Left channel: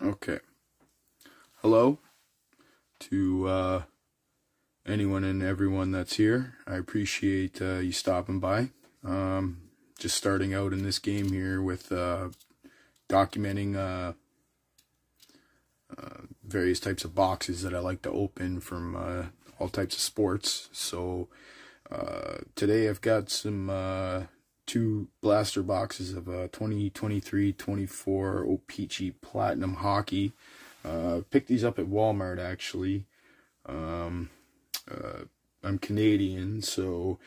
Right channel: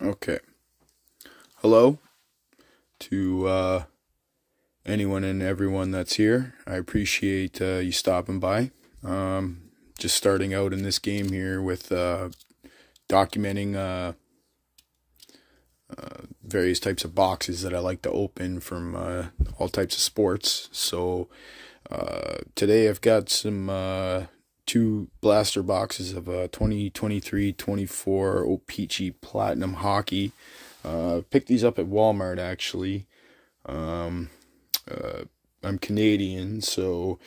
Okay. Hello to anyone and everyone that's here. I appreciate you stopping by. Just starting out in this game here with documenting various types of boxes that I like to open from all types of sports. So today I've got some two blaster boxes of 2023-24 O-Pee-Chee Platinum hockey. Picked these up at Walmart, actually. I'm Canadian, so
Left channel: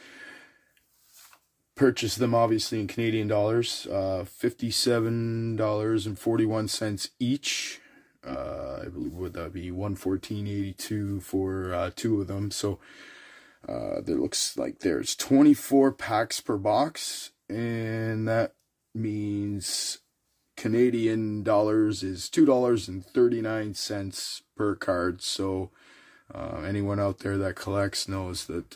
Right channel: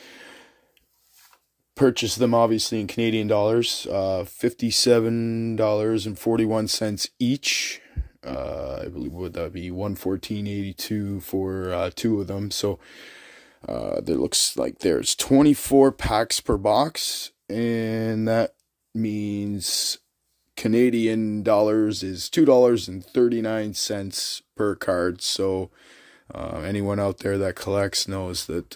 purchased them obviously in Canadian dollars. $57.41 each. I believe would that be $114.82 for two of them. So there looks like there's 24 packs per box, and that means Canadian dollars is $2.39 per card. So anyone out there that collects knows that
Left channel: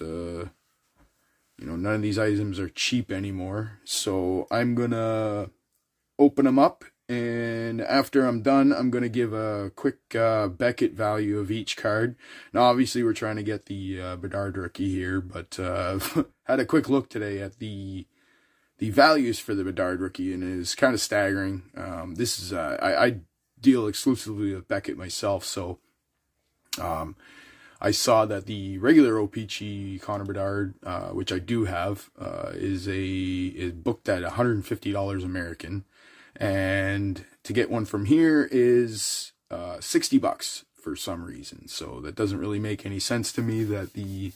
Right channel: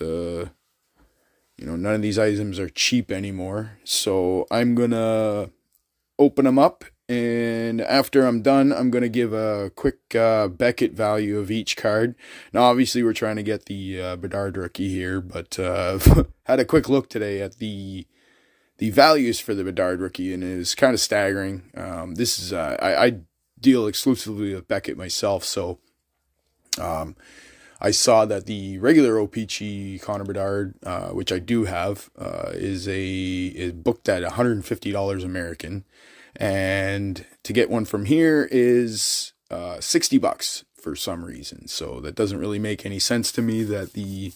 none of these items are cheap anymore. So I'm gonna open them up, and after I'm done, I'm gonna give a quick Beckett value of each card. Now obviously we're trying to get the Bedard rookie here, but had a quick look today at the values for the Bedard rookie, and it was kind of staggering. This is I deal exclusively with Beckett myself, so I saw that the regular O-Pee-Chee Connor Bedard, which I do have, is booked at $150 American, and to get one from here is $60 for some reason. So that doesn't really make any sense to me that the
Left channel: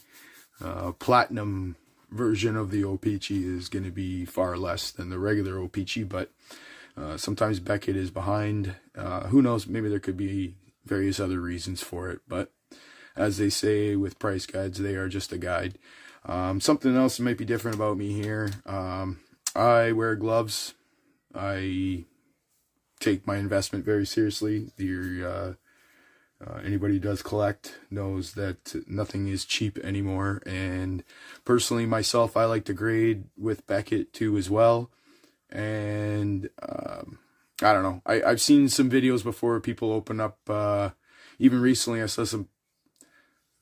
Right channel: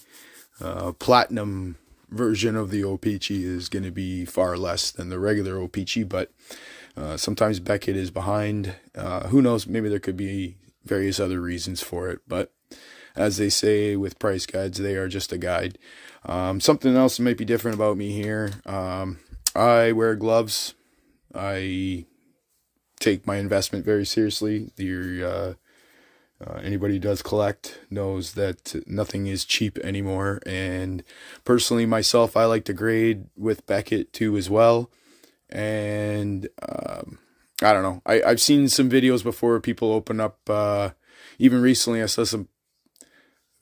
platinum version of the O-Pee-Chee is going to be far less than the regular O-Pee-Chee, but sometimes Beckett is behind. Who knows? Maybe there could be various other reasons for it, but as they say with price guides, they are just a guide. Something else that might be different about me here. I wear gloves. I take my investment very seriously. Anybody who does collect knows that nothing is cheap anymore. And personally, myself, I like to grade with Beckett too as well. And I don't know. I've seen some videos before people open up. Even recently, I saw some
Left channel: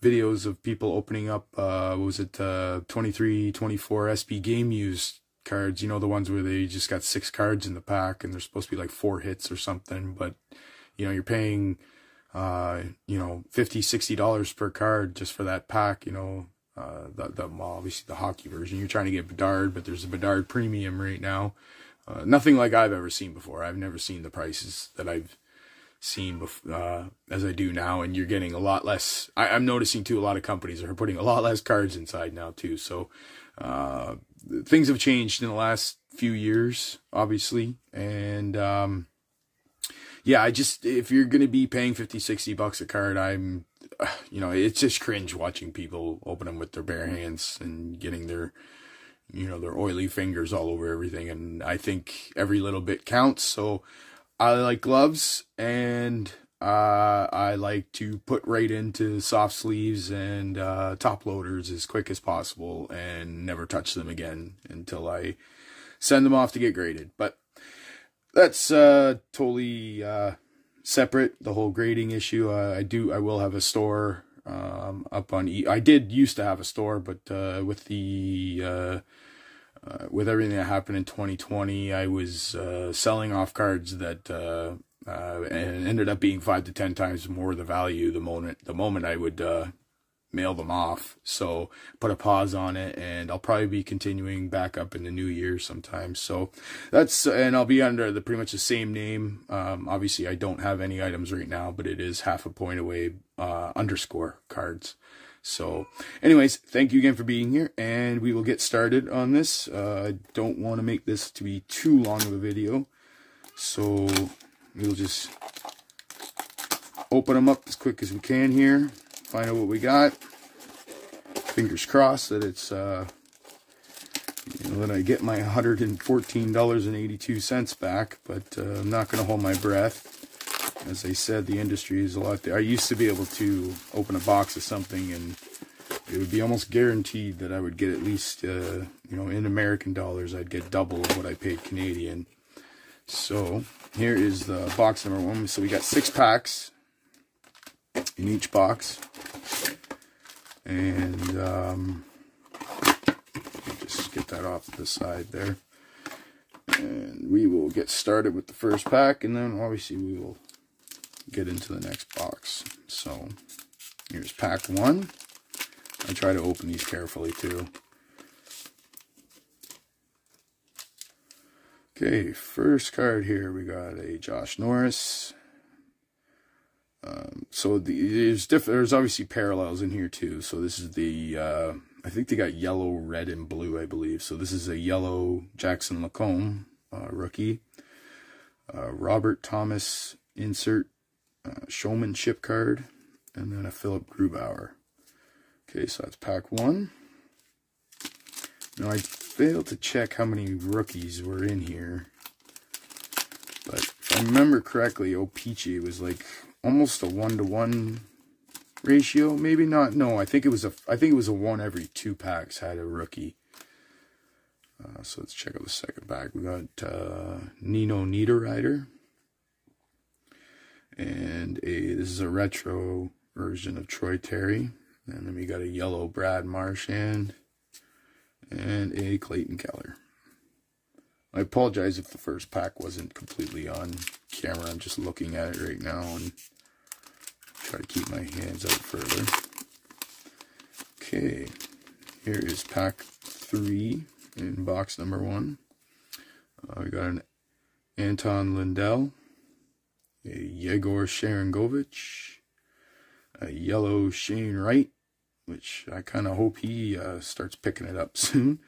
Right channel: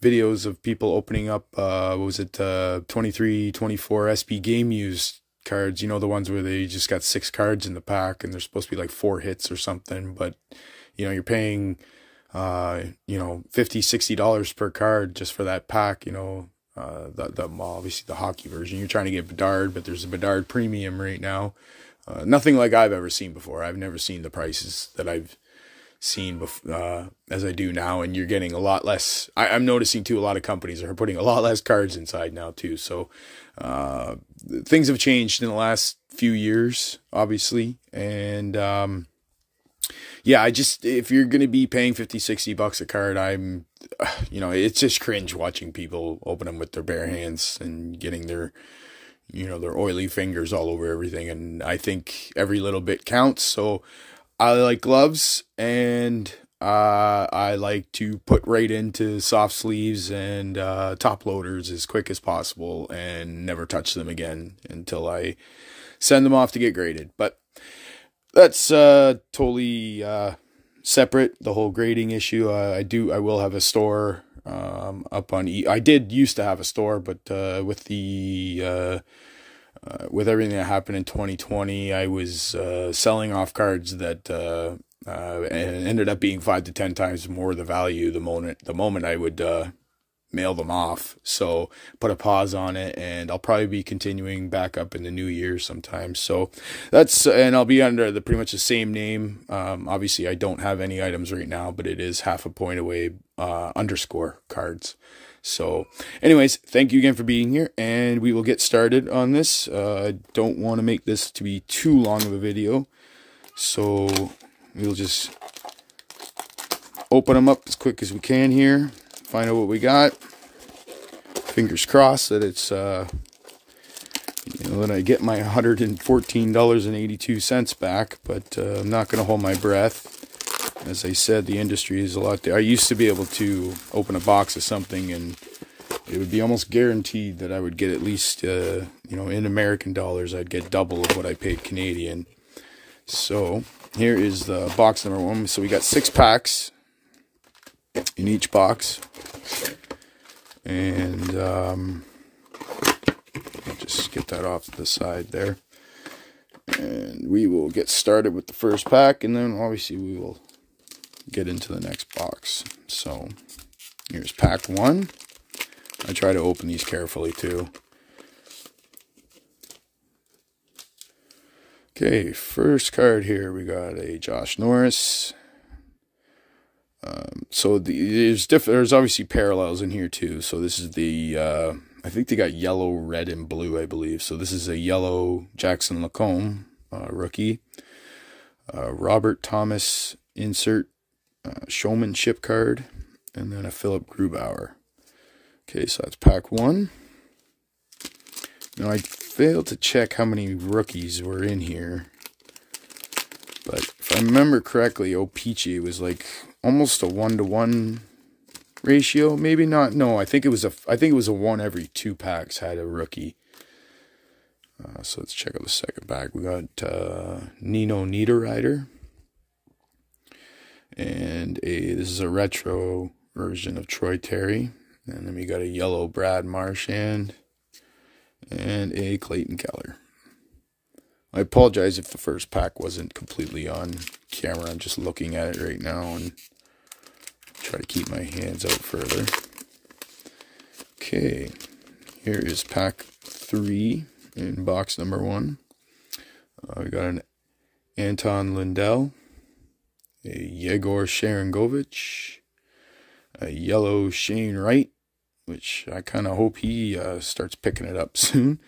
videos of people opening up. What was it? 23-24 SP Game Used cards. You know, the ones where they just got 6 cards in the pack, and they're supposed to be like 4 hits or something. But you're paying $50-$60 per card just for that pack. Obviously the hockey version, you're trying to get Bedard, but there's a Bedard premium right now. Nothing like I've ever seen before. I've never seen the prices that I've seen as I do now, and you're getting a lot less. I'm noticing too, a lot of companies are putting a lot less cards inside now too. So things have changed in the last few years, obviously. And yeah, if you're going to be paying $50-$60 a card, it's just cringe watching people open them with their bare hands and getting their oily fingers all over everything. And I think every little bit counts. So I like gloves, and I like to put right into soft sleeves and top loaders as quick as possible and never touch them again until I send them off to get graded. But that's totally separate, the whole grading issue. I will have a store up on I did used to have a store, but with everything that happened in 2020, I was selling off cards that ended up being 5 to 10 times more the value the moment I would mail them off. So put a pause on it, and I'll probably be continuing back up in the new year sometime. So and I'll be under pretty much the same name. Obviously I don't have any items right now, but it is half a point away _ cards. So anyways, thank you again for being here, and we will get started on this. I don't want to make this to be too long of a video, so we'll just open them up as quick as we can here, find out what we got. Fingers crossed that it's that I get my $114.82 back, but I'm not going to hold my breath. As I said, the industry is a lot there. I used to be able to open a box of something, and it would be almost guaranteed that I would get at least, in American dollars, I'd get double of what I paid Canadian. So here is the box number 1. So we got 6 packs in each box. And just get that off to the side there. And we will get started with the first pack, and then obviously we will get into the next box. So here's pack 1. I try to open these carefully too. Okay, first card here, we got a Josh Norris. So there's obviously parallels in here too. So this is the, I think they got yellow, red, and blue, I believe. So this is a yellow Jackson Lacombe rookie. Robert Thomas insert showmanship card. And then a Philip Grubauer. Okay, so that's pack 1. Now I failed to check how many rookies were in here. But if I remember correctly, O-Pee-Chee was like almost a 1-to-1 ratio. Maybe not. No, I think it was a 1 every 2 packs had a rookie. So let's check out the second pack. We got Nino Niederreiter. And this is a retro version of Troy Terry. And then we got a yellow Brad Marchand. And a Clayton Keller. I apologize if the first pack wasn't completely on camera. I'm just looking at it right now and try to keep my hands out further. Okay, here is pack 3 in box number 1. We got an Anton Lindell, a Yegor Sharangovich, a yellow Shane Wright, which I kind of hope he starts picking it up soon.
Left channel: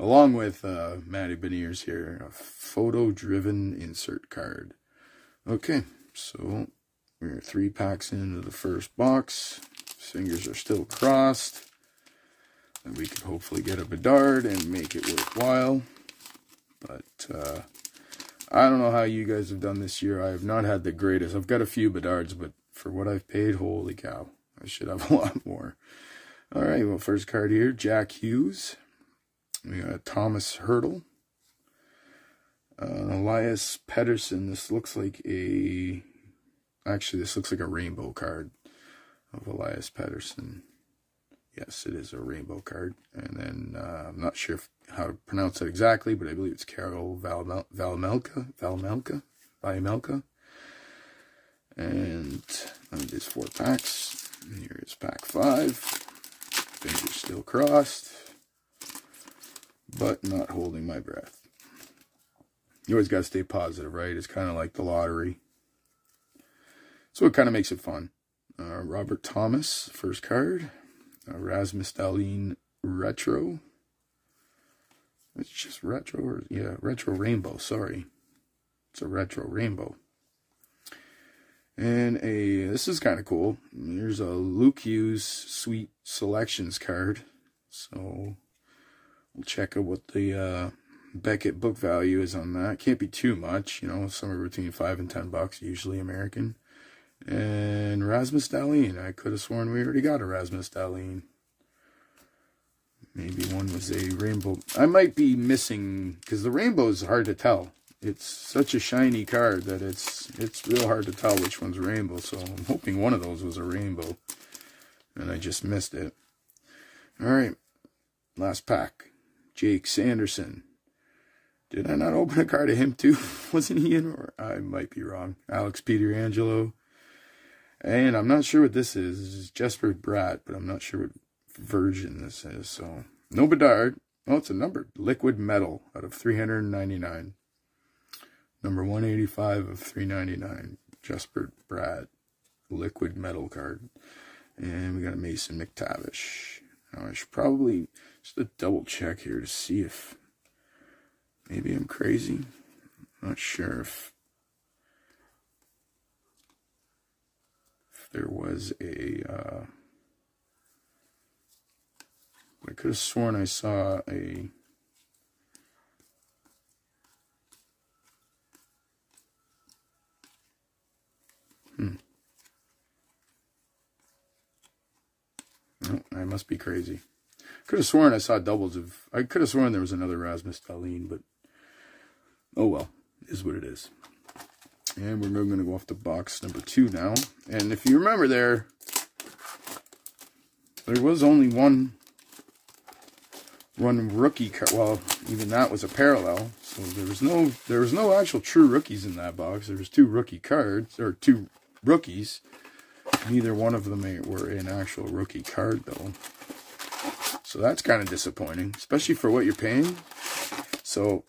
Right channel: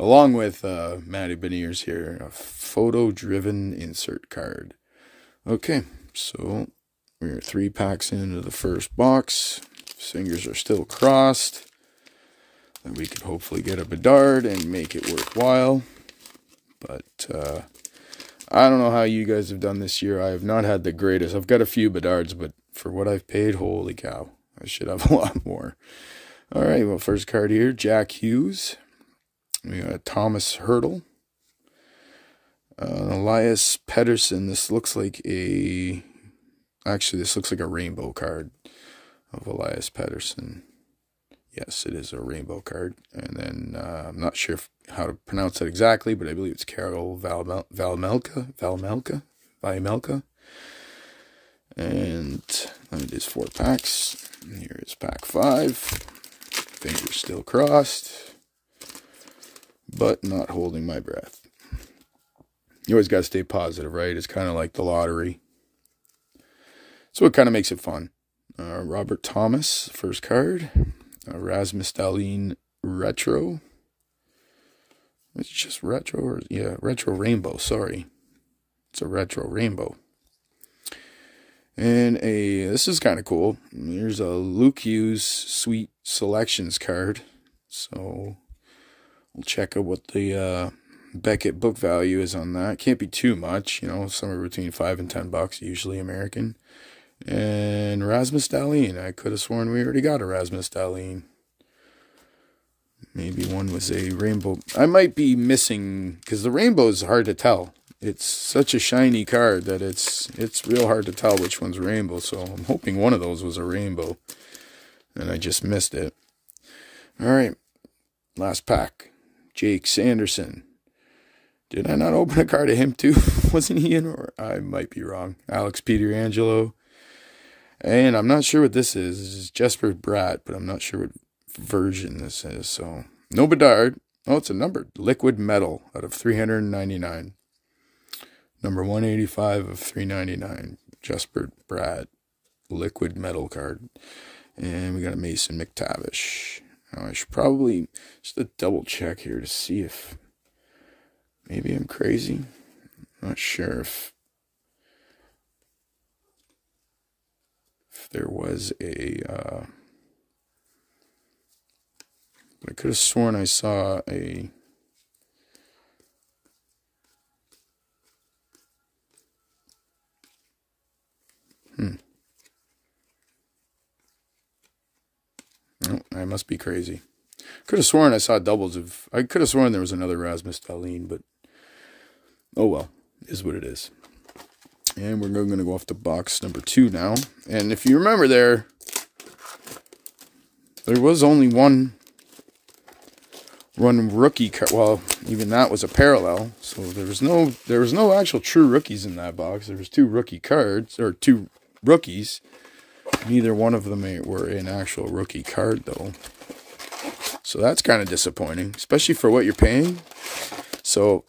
Along with Matty Beniers here, a photo-driven insert card. Okay, so we're 3 packs into the first box. Fingers are still crossed. And we can hopefully get a Bedard and make it worthwhile. But I don't know how you guys have done this year. I have not had the greatest. I've got a few Bedards, but for what I've paid, holy cow. I should have a lot more. All right, well, first card here, Jack Hughes. We got Thomas Hurdle. Elias Pettersson. This looks like a... Actually, this looks like a rainbow card of Elias Pettersson. Yes, it is a rainbow card. And then, I'm not sure how to pronounce it exactly, but I believe it's Carol Valmelka. And it is 4 packs. And here is pack 5. Fingers still crossed, but not holding my breath. You always got to stay positive, right? It's kind of like the lottery. So it kind of makes it fun. Robert Thomas, first card. Rasmus Dahlin Retro. It's just retro, or yeah, retro rainbow, sorry. It's a retro rainbow. And this is kind of cool. Here's a Luke Hughes Sweet Selections card. So we'll check out what the Beckett book value is on that. Can't be too much, you know, somewhere between $5 and $10, usually American. And Rasmus Dahlin. I could have sworn we already got a Rasmus Dahlin. Maybe one was a rainbow. I might be missing, because the rainbow is hard to tell. It's such a shiny card that it's real hard to tell which one's rainbow. So I'm hoping one of those was a rainbow. And I just missed it. All right. Last pack. Jake Sanderson. Did I not open a card of him too? Wasn't he in? Or I might be wrong. Alex Pietrangelo. And I'm not sure what this is. This is Jesper Bratt, but I'm not sure what version this is. So no Bedard. Oh, it's a numbered liquid metal out of 399. Number 185 of 399. Jesper Bratt. Liquid metal card. And we got a Mason McTavish. Now I should probably just double check here to see if maybe I'm crazy. I'm not sure if there was a... I could have sworn I saw a... Oh, I must be crazy. Could have sworn I saw doubles of... I could have sworn there was another Rasmus Dahlin, but... Oh well, is what it is. And we're going to go off to box number 2 now. And if you remember there was only one rookie card. Well, even that was a parallel. So there was no actual true rookies in that box. There was 2 rookie cards, or 2 rookies. Neither one of them were an actual rookie card, though. So that's kind of disappointing, especially for what you're paying. So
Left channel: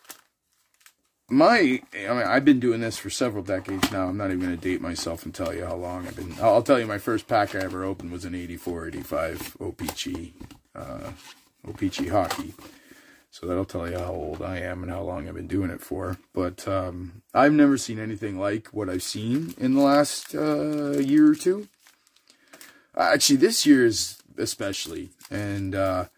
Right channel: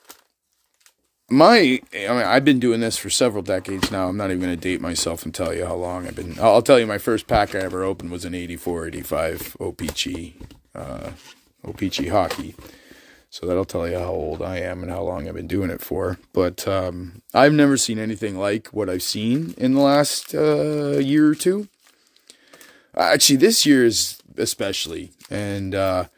I've been doing this for several decades now. I'm not even going to date myself and tell you how long I've been. I'll tell you, my first pack I ever opened was an 84-85 O-Pee-Chee hockey. So that'll tell you how old I am and how long I've been doing it for. But I've never seen anything like what I've seen in the last year or two. Actually, this year is especially. And I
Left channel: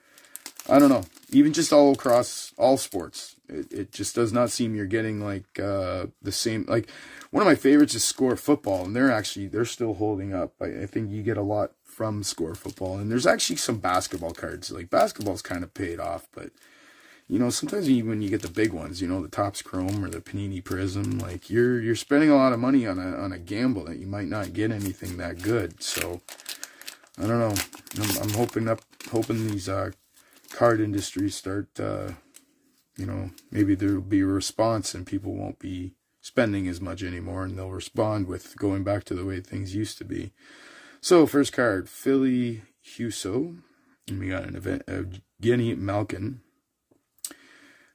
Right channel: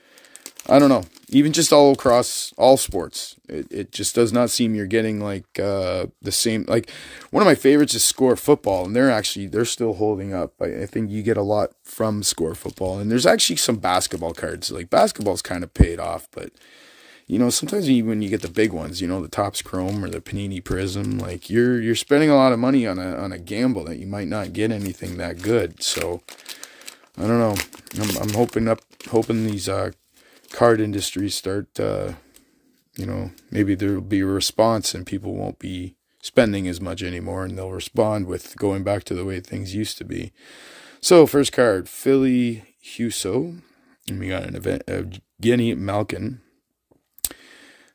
don't know. Even just all across all sports, it just does not seem you're getting like the same. Like, one of my favorites is Score Football, and they're still holding up. I think you get a lot from Score Football, and there's actually some basketball cards. Like, basketball's kind of paid off, but you know, sometimes when you get the big ones, you know, the Topps Chrome or the Panini Prism, like you're spending a lot of money on a gamble that you might not get anything that good. So I don't know. I'm hoping these card industries start, you know, maybe there'll be a response and people won't be spending as much anymore, and they'll respond with going back to the way things used to be. So first card, Philly Huso, and we got an event of Guinea Malkin.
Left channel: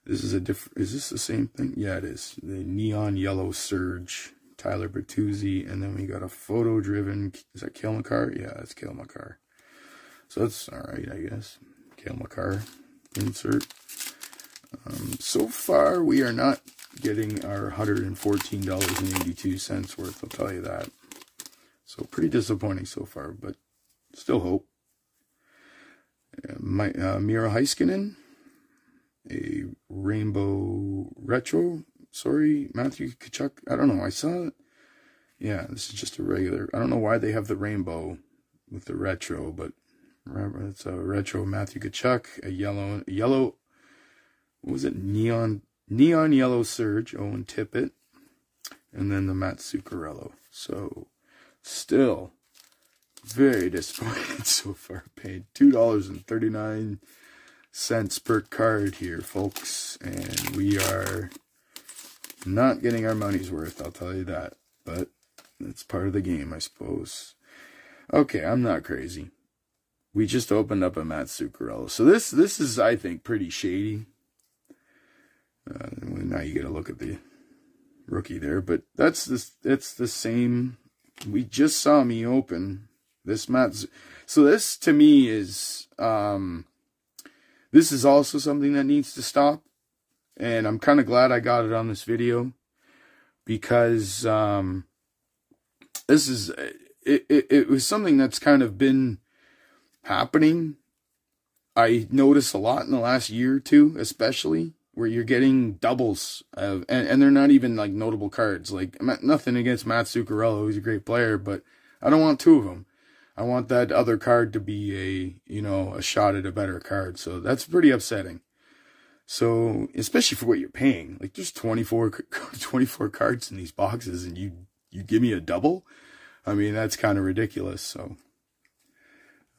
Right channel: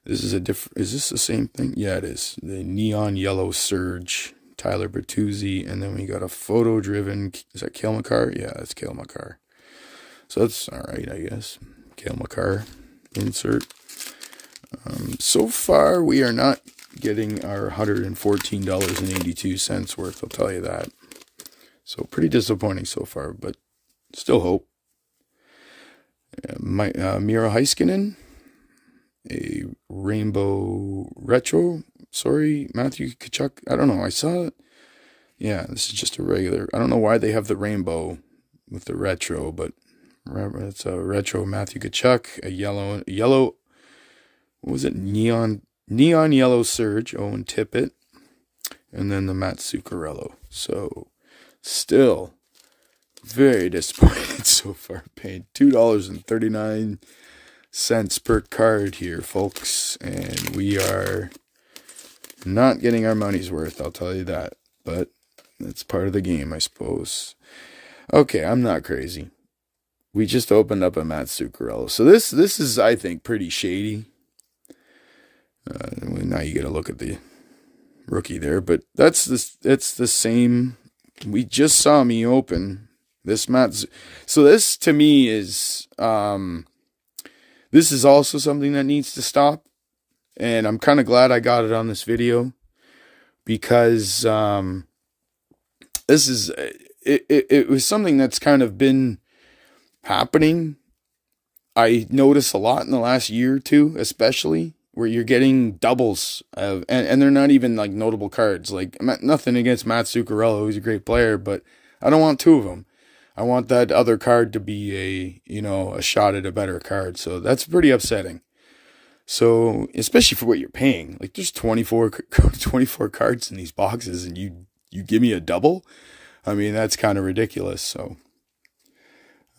This is is this the same thing? Yeah, it is. The Neon Yellow Surge, Tyler Bertuzzi, and then we got a photo-driven, is that Cale Makar? Yeah, that's Cale Makar. So that's all right, I guess. Cale Makar insert. So far, we are not getting our $114.82 worth, I'll tell you that. So pretty disappointing so far, but still hope. Miro Heiskanen, a rainbow retro. Sorry, Matthew Tkachuk. I don't know. I saw it. Yeah, this is just a regular. I don't know why they have the rainbow with the retro, but it's a retro Matthew Tkachuk. A yellow. What was it? Neon Yellow Surge, Owen Tippett, and then the Matt Zuccarello. So, still very disappointed so far. Paying $2.39 per card here, folks, and we are not getting our money's worth, I'll tell you that. But it's part of the game, I suppose. Okay, I'm not crazy. We just opened up a Matt Zuccarello. So this is, I think, pretty shady. Now you get a look at the rookie there, but it's the same. We just saw me open this Matt. So this to me is this is also something that needs to stop, and I'm kind of glad I got it on this video, because this is it was something that's kind of been happening. I notice a lot in the last year or two, especially, where you're getting doubles, and they're not even like notable cards. Like, nothing against Matt Zuccarello, who's a great player, but I don't want 2 of them. I want that other card to be a shot at a better card. So that's pretty upsetting. So, especially for what you're paying. Like, there's 24 cards in these boxes, and you give me a double? I mean, that's kind of ridiculous. So,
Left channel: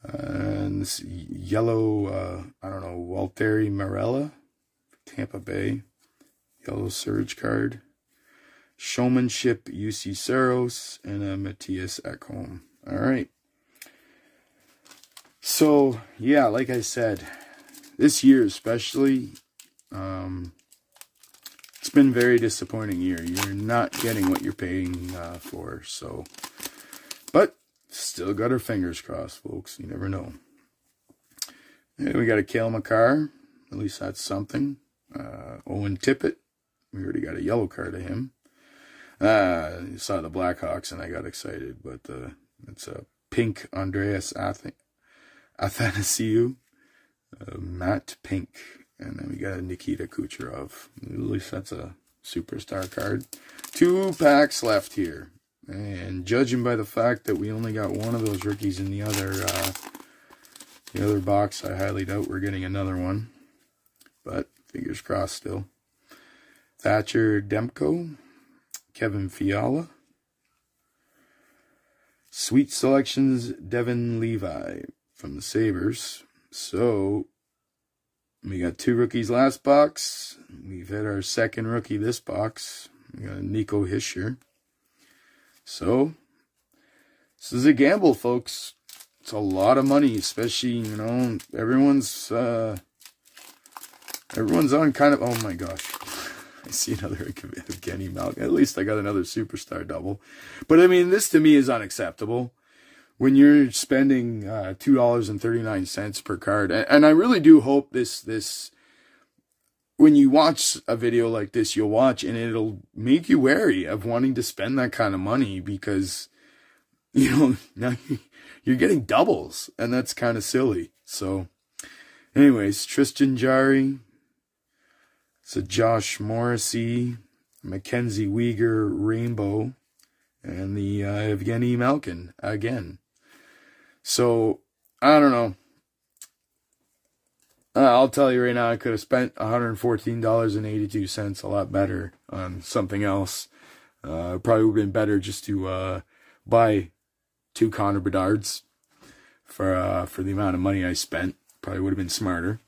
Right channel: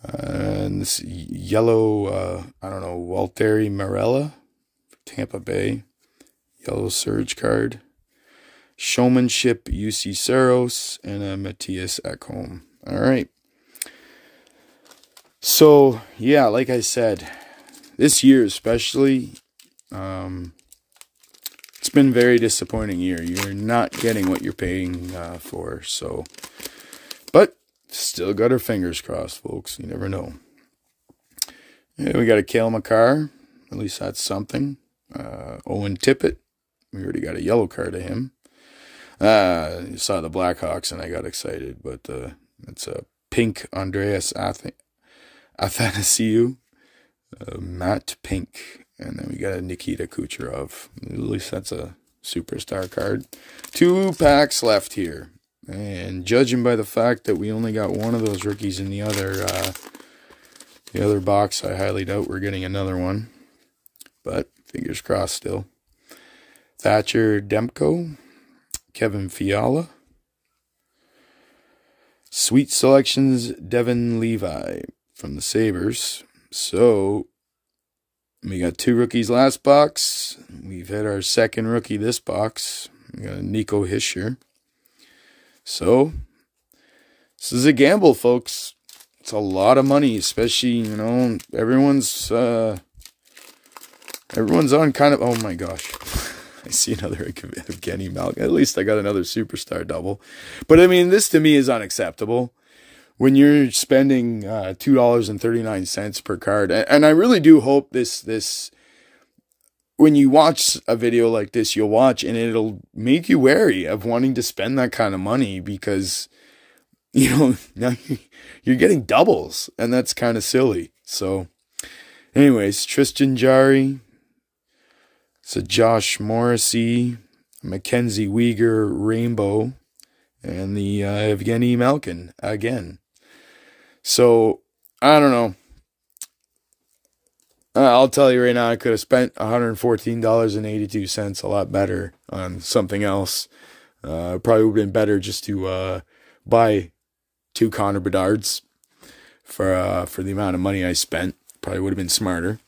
and this yellow, I don't know, Walteri Marella, Tampa Bay, Yellow Surge card. Showmanship, UC Saros, and a Matthias Ekholm. All right. So, yeah, like I said, this year especially, it's been a very disappointing year. You're not getting what you're paying for. So, but still got our fingers crossed, folks. You never know. Yeah, we got a Cale Makar. At least that's something. Owen Tippett. We already got a yellow card of him. I saw the Blackhawks and I got excited, but it's a pink Andreas Athanasiou, matte pink, and then we got a Nikita Kucherov. At least that's a superstar card. 2 packs left here, and judging by the fact that we only got one of those rookies in the other box, I highly doubt we're getting another one, but fingers crossed still. Thatcher Demko, Kevin Fiala. Sweet Selections, Devin Levi from the Sabres. So, we got 2 rookies last box. We've had our second rookie this box. We got Nico Hischier. So, this is a gamble, folks. It's a lot of money, especially, you know, everyone's on kind of, oh my gosh. I see another Evgeny Malkin. At least I got another superstar double. But I mean, this to me is unacceptable. When you're spending $2.39 per card. And I really do hope this when you watch a video like this, you'll watch and it'll make you wary of wanting to spend that kind of money, because, you know, now you're getting doubles, and that's kind of silly. So, anyways, Tristan Jarry. It's a Josh Morrissey, Mackenzie Weegar Rainbow, and the Evgeny Malkin again. So, I don't know. I'll tell you right now, I could have spent $114.82 a lot better on something else. Probably would have been better just to buy 2 Connor Bedards for the amount of money I spent. Probably would have been smarter.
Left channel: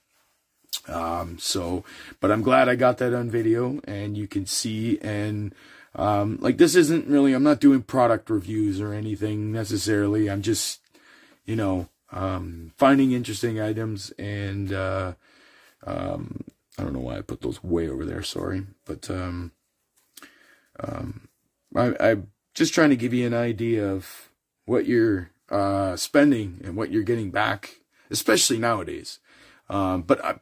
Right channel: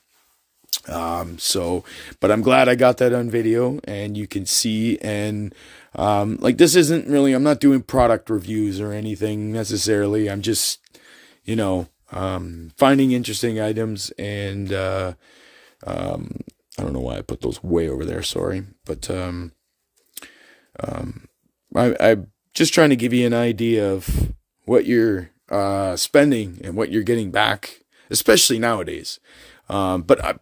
But I'm glad I got that on video, and you can see, and like, this isn't really, I'm not doing product reviews or anything necessarily. I'm just, you know, finding interesting items, and I don't know why I put those way over there, sorry, but I'm just trying to give you an idea of what you're spending and what you're getting back, especially nowadays. But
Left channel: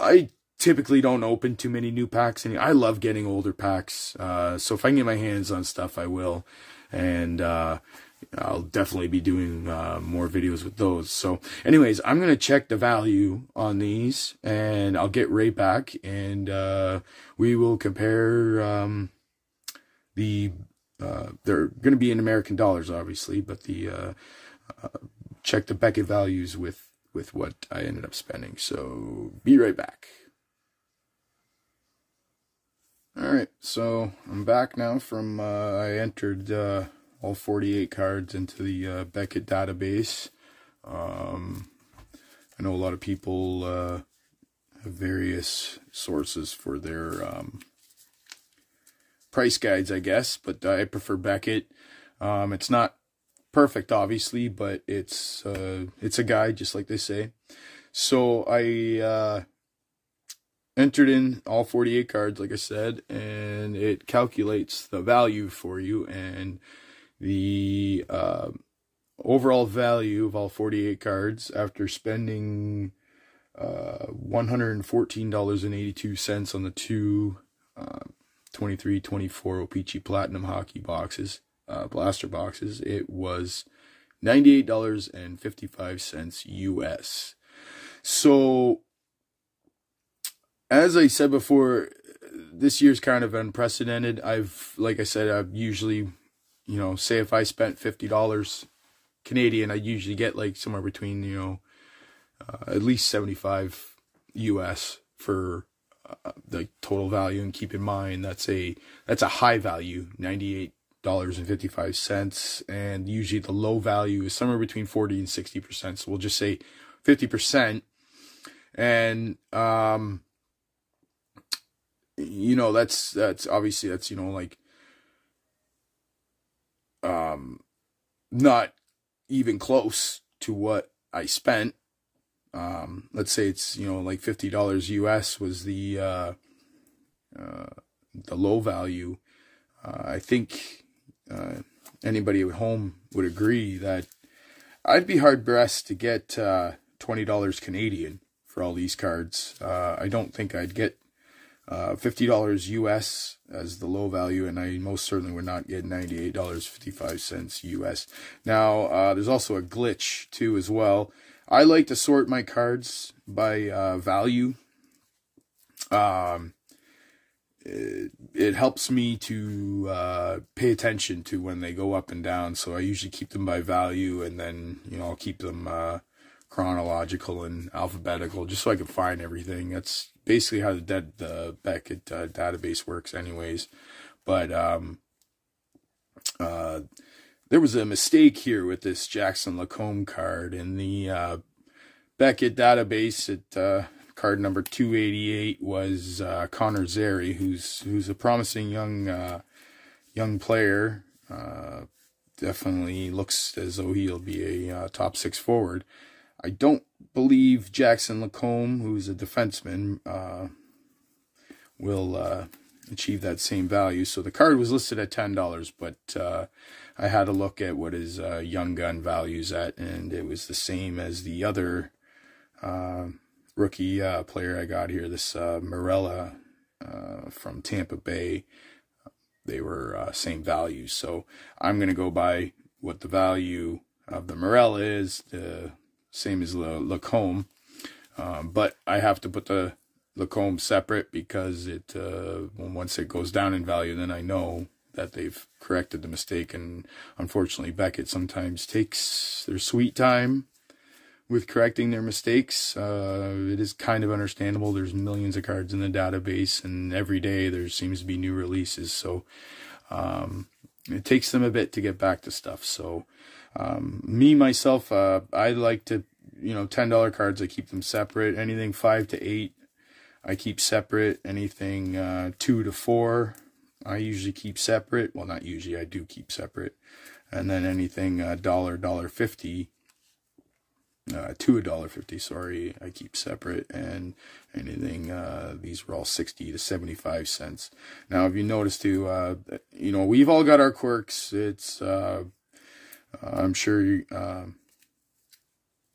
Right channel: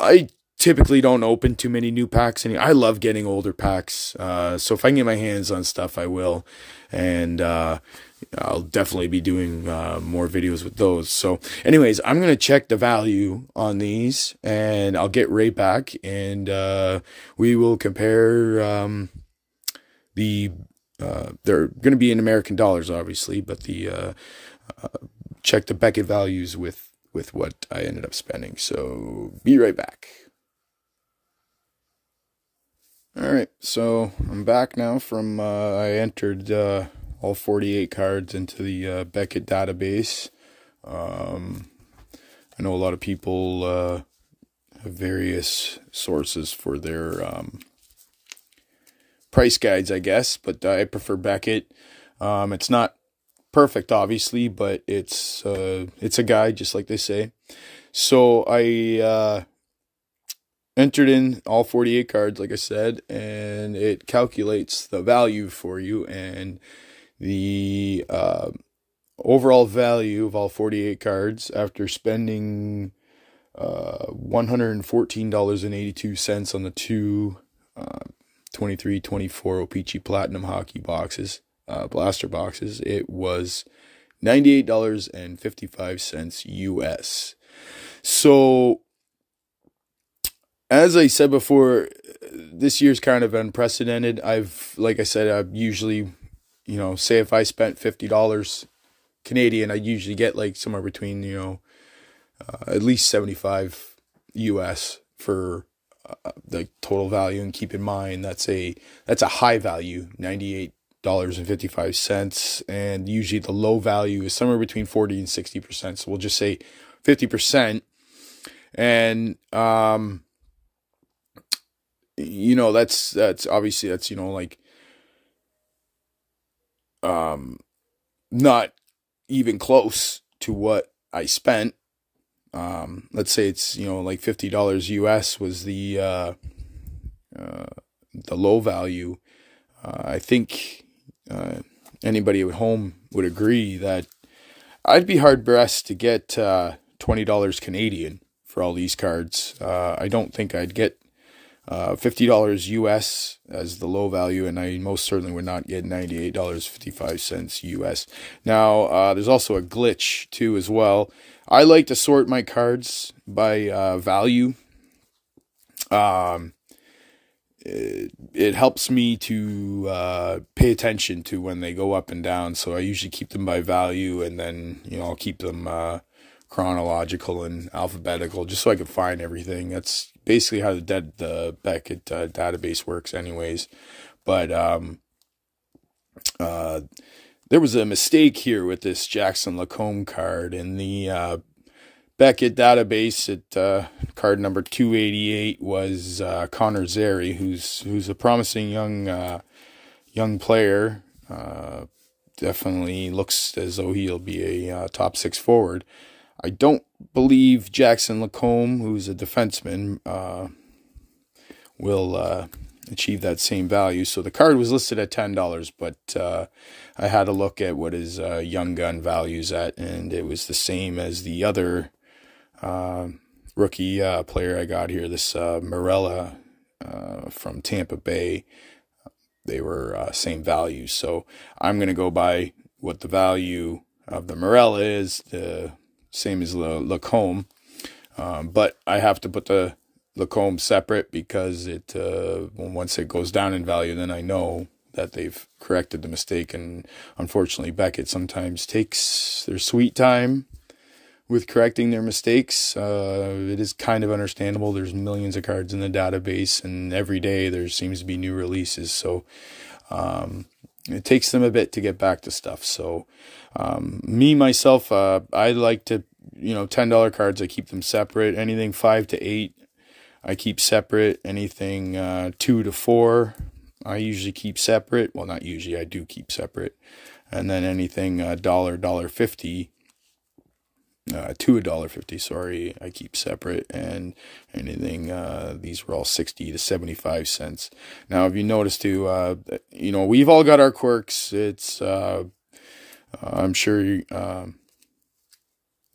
I typically don't open too many new packs. I love getting older packs. So if I can get my hands on stuff, I will. And I'll definitely be doing more videos with those. So anyways, I'm going to check the value on these, and I'll get right back. And we will compare they're going to be in American dollars, obviously. But check the Beckett values with what I ended up spending. So be right back. All right, so I'm back now from I entered all 48 cards into the Beckett database. I know a lot of people have various sources for their price guides, I guess, but I prefer Beckett. It's not perfect, obviously, but it's a guide, just like they say. So I entered in all 48 cards, like I said, and it calculates the value for you, and the overall value of all 48 cards after spending $114.82 on the 2 23-24 O-Pee-Chee Platinum hockey boxes, blaster boxes, it was $98.55 US. So, as I said before, this year's kind of unprecedented. Like I said, I've usually, you know, say if I spent $50 Canadian, I'd usually get like somewhere between, you know, at least 75 US for the total value. And keep in mind, that's a high value, $98.55, and usually the low value is somewhere between 40 and 60%. So we'll just say 50%. And you know, that's obviously, that's, you know, like not even close to what I spent. Let's say it's, you know, like $50 US was the low value. I think anybody at home would agree that I'd be hard pressed to get $20 Canadian for all these cards. I don't think I'd get $50 US as the low value, and I most certainly would not get $98.55 US. Now, there's also a glitch too as well. I like to sort my cards by value. It helps me to pay attention to when they go up and down, so I usually keep them by value, and then, you know, I'll keep them chronological and alphabetical, just so I can find everything. That's basically how the Beckett database works anyways. But There was a mistake here with this Jackson Lacombe card in the Beckett database. At card number 288 was Connor Zary, who's a promising young player. Definitely looks as though he'll be a top 6 forward. I don't believe Jackson Lacombe, who's a defenseman, will achieve that same value. So the card was listed at $10, but I had a look at what his young gun value's at, and it was the same as the other rookie player I got here, this Morella from Tampa Bay. They were same values, so I'm going to go by what the value of the Morella is, the same as Lacombe, but I have to put the Lacombe separate because it once it goes down in value, then I know that they've corrected the mistake. And unfortunately, Beckett sometimes takes their sweet time with correcting their mistakes. It is kind of understandable. There's millions of cards in the database, and every day there seems to be new releases. So it takes them a bit to get back to stuff. So myself, I like to, $10 cards, I keep them separate. Anything 5 to 8, I keep separate. Anything 2 to 4, I usually keep separate. Well, not usually, I do keep separate. And then anything $1.50 to $1.50, sorry, I keep separate. And anything, these were all 60 to 75 cents. Now, if you notice too, we've all got our quirks. It's, I'm sure,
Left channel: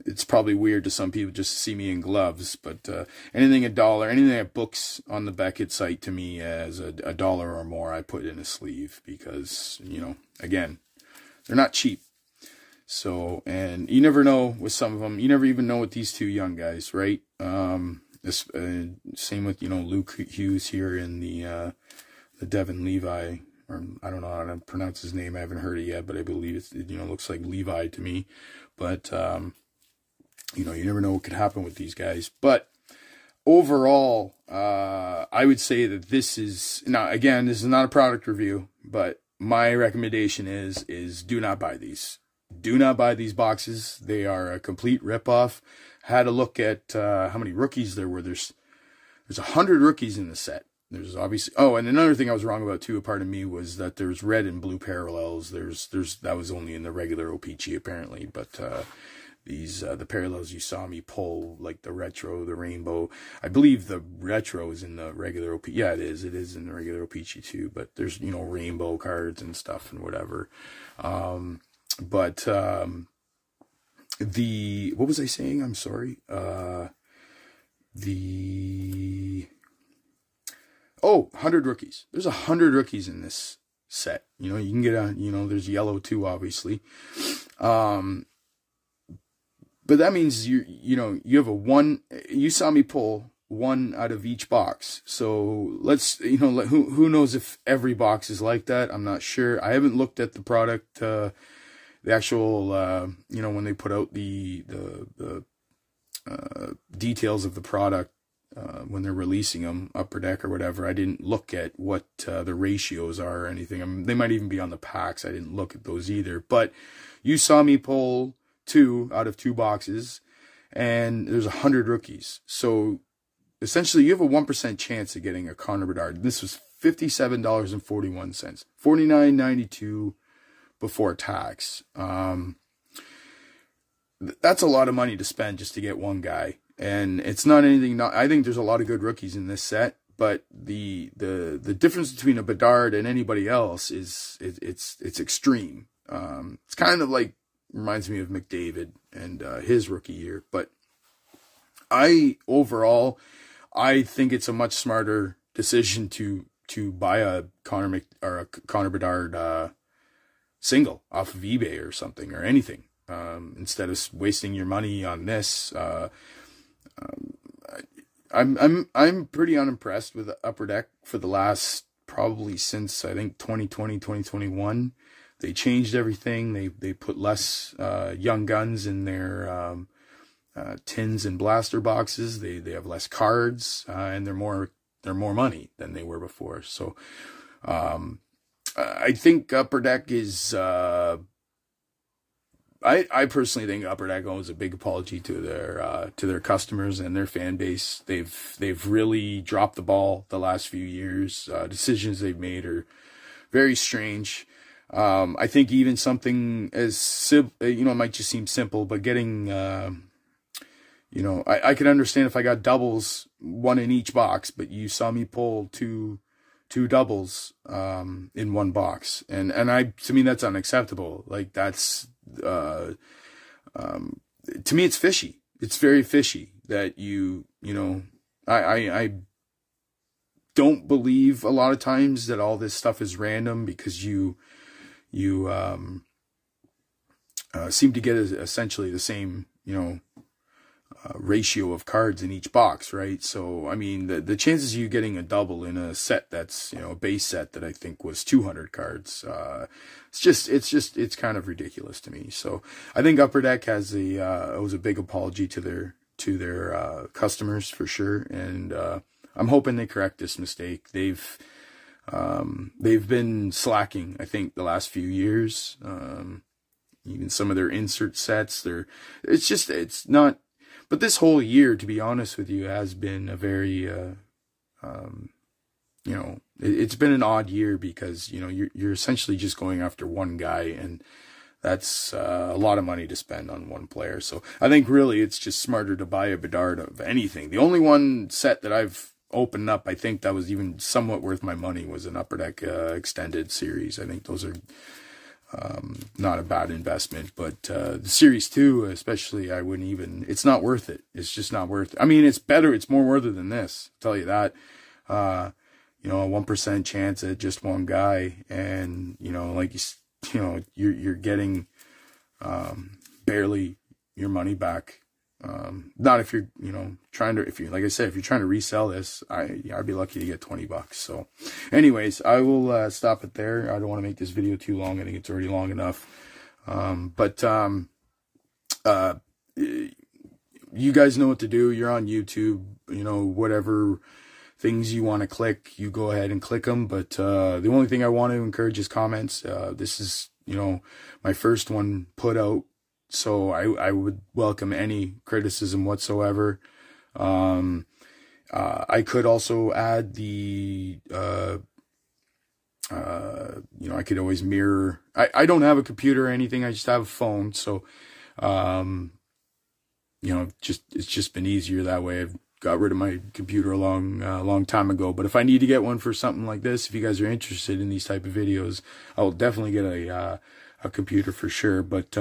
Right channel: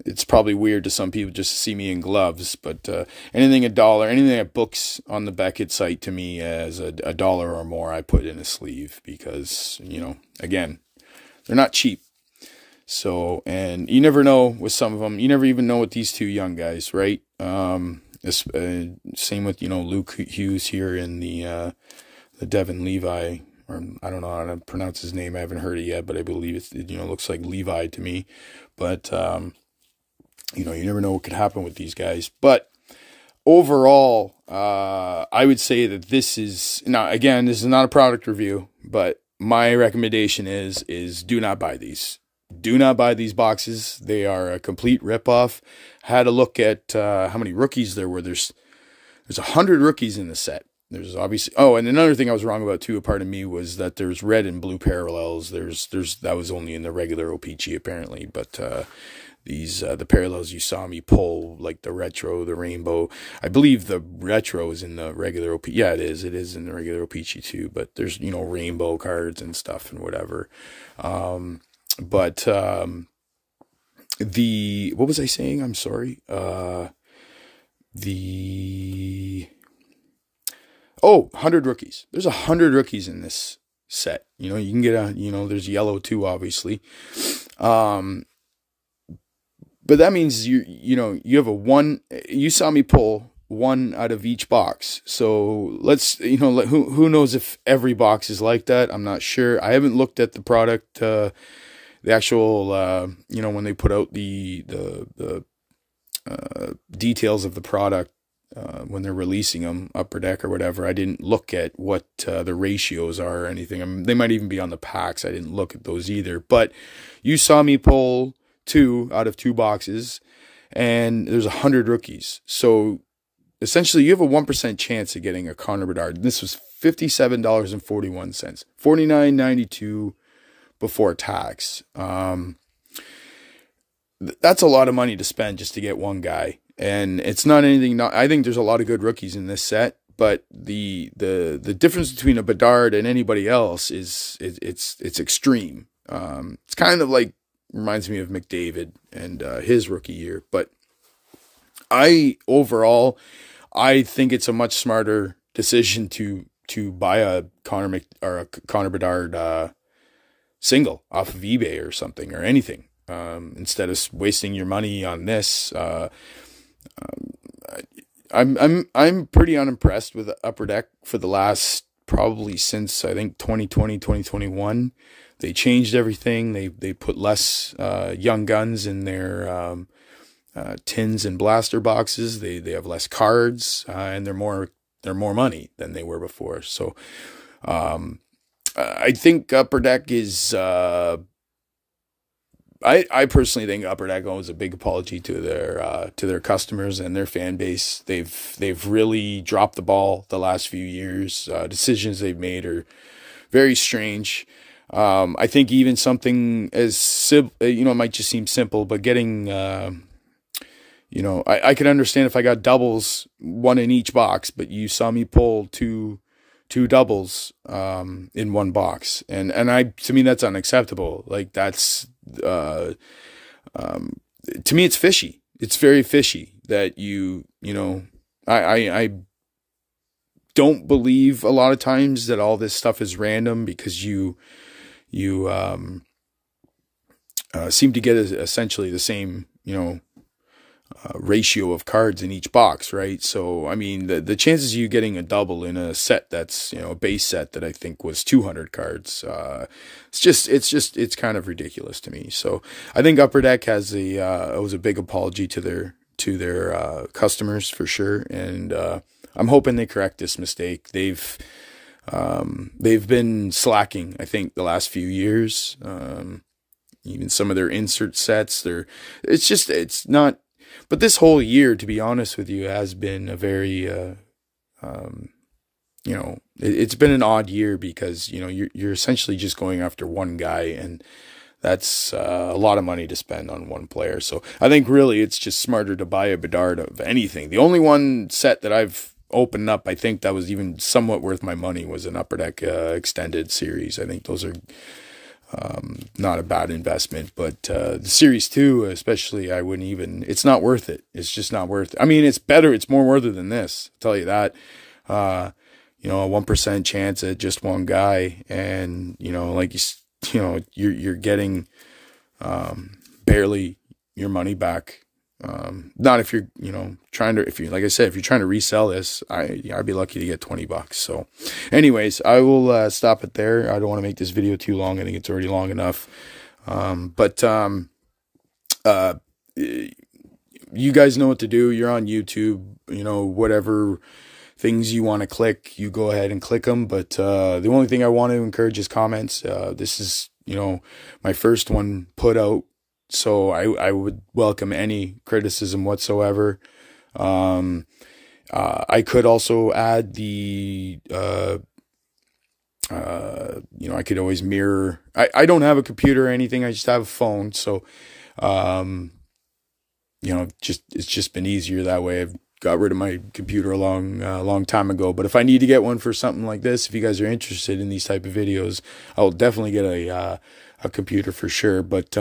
it's probably weird to some people just to see me in gloves, but anything $1, anything that books on the Beckett site to me as a $1 or more, I put in a sleeve because, again, they're not cheap. So, and you never know with some of them. You never even know with these two young guys, right? Same with, Luke Hughes here in the Devin Levi, or I don't know how to pronounce his name. I haven't heard it yet, but I believe it looks like Levi to me. But, you never know what could happen with these guys. But overall, I would say that this is, now again, this is not a product review, but my recommendation is do not buy these. Do not buy these boxes. They are a complete ripoff. Had a look at how many rookies there were. There's 100 rookies in the set. There's obviously, oh, and another thing I was wrong about too, a part of me, was that there's red and blue parallels. That was only in the regular O-Pee-Chee apparently, but these the parallels you saw me pull, like the retro, the rainbow. I believe the retro is in the regular O-Pee-Chee. Yeah, it is. It is in the regular O-Pee-Chee too. But there's rainbow cards and stuff and whatever. But what was I saying? I'm sorry. 100 rookies. There's 100 rookies in this set. You can get there's yellow too, obviously. But that means you have you saw me pull one out of each box. So let's, who knows if every box is like that? I'm not sure. I haven't looked at the product, the actual, when they put out the details of the product, when they're releasing them, Upper Deck or whatever. I didn't look at what the ratios are or anything. They might even be on the packs. I didn't look at those either. But you saw me pull 2 out of 2 boxes, and there's 100 rookies. So essentially, you have a 1% chance of getting a Connor Bedard. This was $57.41, $49.92 before tax. That's a lot of money to spend just to get one guy. And it's not anything. I think there's a lot of good rookies in this set, but the difference between a Bedard and anybody else is it's extreme. It's kind of like, reminds me of McDavid and his rookie year. But overall, I think it's a much smarter decision to buy a Connor Bedard single off of eBay or something or anything, instead of wasting your money on this. I'm pretty unimpressed with Upper Deck for the last, probably since I think 2020, 2021. They changed everything. They put less young guns in their tins and blaster boxes. They have less cards, and they're more money than they were before. So I think Upper Deck is, I personally think Upper Deck owes a big apology to their customers and their fan base. They've really dropped the ball the last few years. Decisions they've made are very strange. I think even something as it might just seem simple, but getting I could understand if I got doubles, one in each box, but you saw me pull two doubles in one box, and to me that's unacceptable. Like that's to me it's fishy. It's very fishy that I don't believe a lot of times that all this stuff is random, because you seem to get essentially the same ratio of cards in each box, right? So I mean, the chances of you getting a double in a set that's a base set that I think was 200 cards, it's kind of ridiculous to me. So I think Upper Deck owes a big apology to their customers for sure, and I'm hoping they correct this mistake. They've been slacking, I think, the last few years. Even some of their insert sets, it's not. But this whole year, to be honest with you, has been a very, it's been an odd year, because, you're essentially just going after one guy, and that's a lot of money to spend on one player. So I think really it's just smarter to buy a Bedard of anything. The only one set that I've opened up, I think that was even somewhat worth my money, was an Upper Deck extended series. I think those are not a bad investment, but the Series 2 especially, it's not worth it. It's just not worth it. I mean, it's better, it's more worth it than this, I'll tell you that. A 1% chance at just one guy, and you're getting barely your money back. Not if you're like I said, if you're trying to resell this, I'd be lucky to get $20. So anyways, I will stop it there. I don't want to make this video too long. I think it's already long enough. You guys know what to do. You're on YouTube, whatever things you want to click, you go ahead and click them. But the only thing I want to encourage is comments. This is my first one put out, so I would welcome any criticism whatsoever. I could also add I could always mirror. I don't have a computer or anything. I just have a phone. So, it's just been easier that way. I've got rid of my computer a long time ago. But if I need to get one for something like this, if you guys are interested in these type of videos, I will definitely get a computer for sure. But,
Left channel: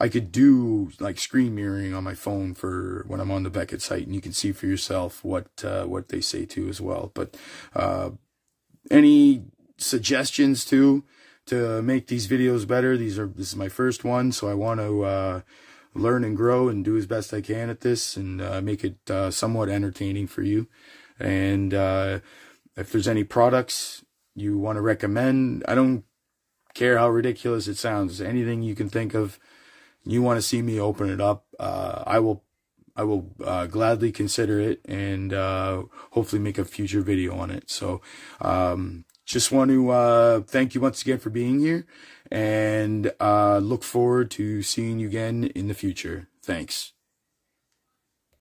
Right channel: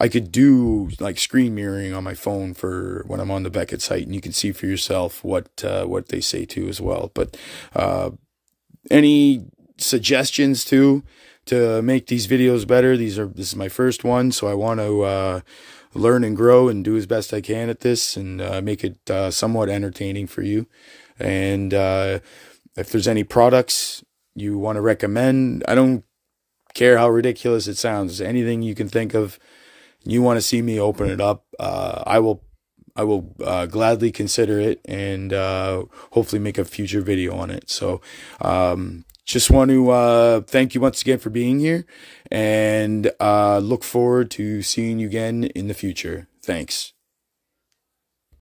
I could do like screen mirroring on my phone for when I'm on the Beckett site, and you can see for yourself what they say too as well. But any suggestions to make these videos better? This is my first one, so I want to learn and grow and do as best I can at this, and make it somewhat entertaining for you. And if there's any products you want to recommend, I don't care how ridiculous it sounds. Anything you can think of, you want to see me open it up, I will gladly consider it, and hopefully make a future video on it. So just want to thank you once again for being here, and look forward to seeing you again in the future. Thanks.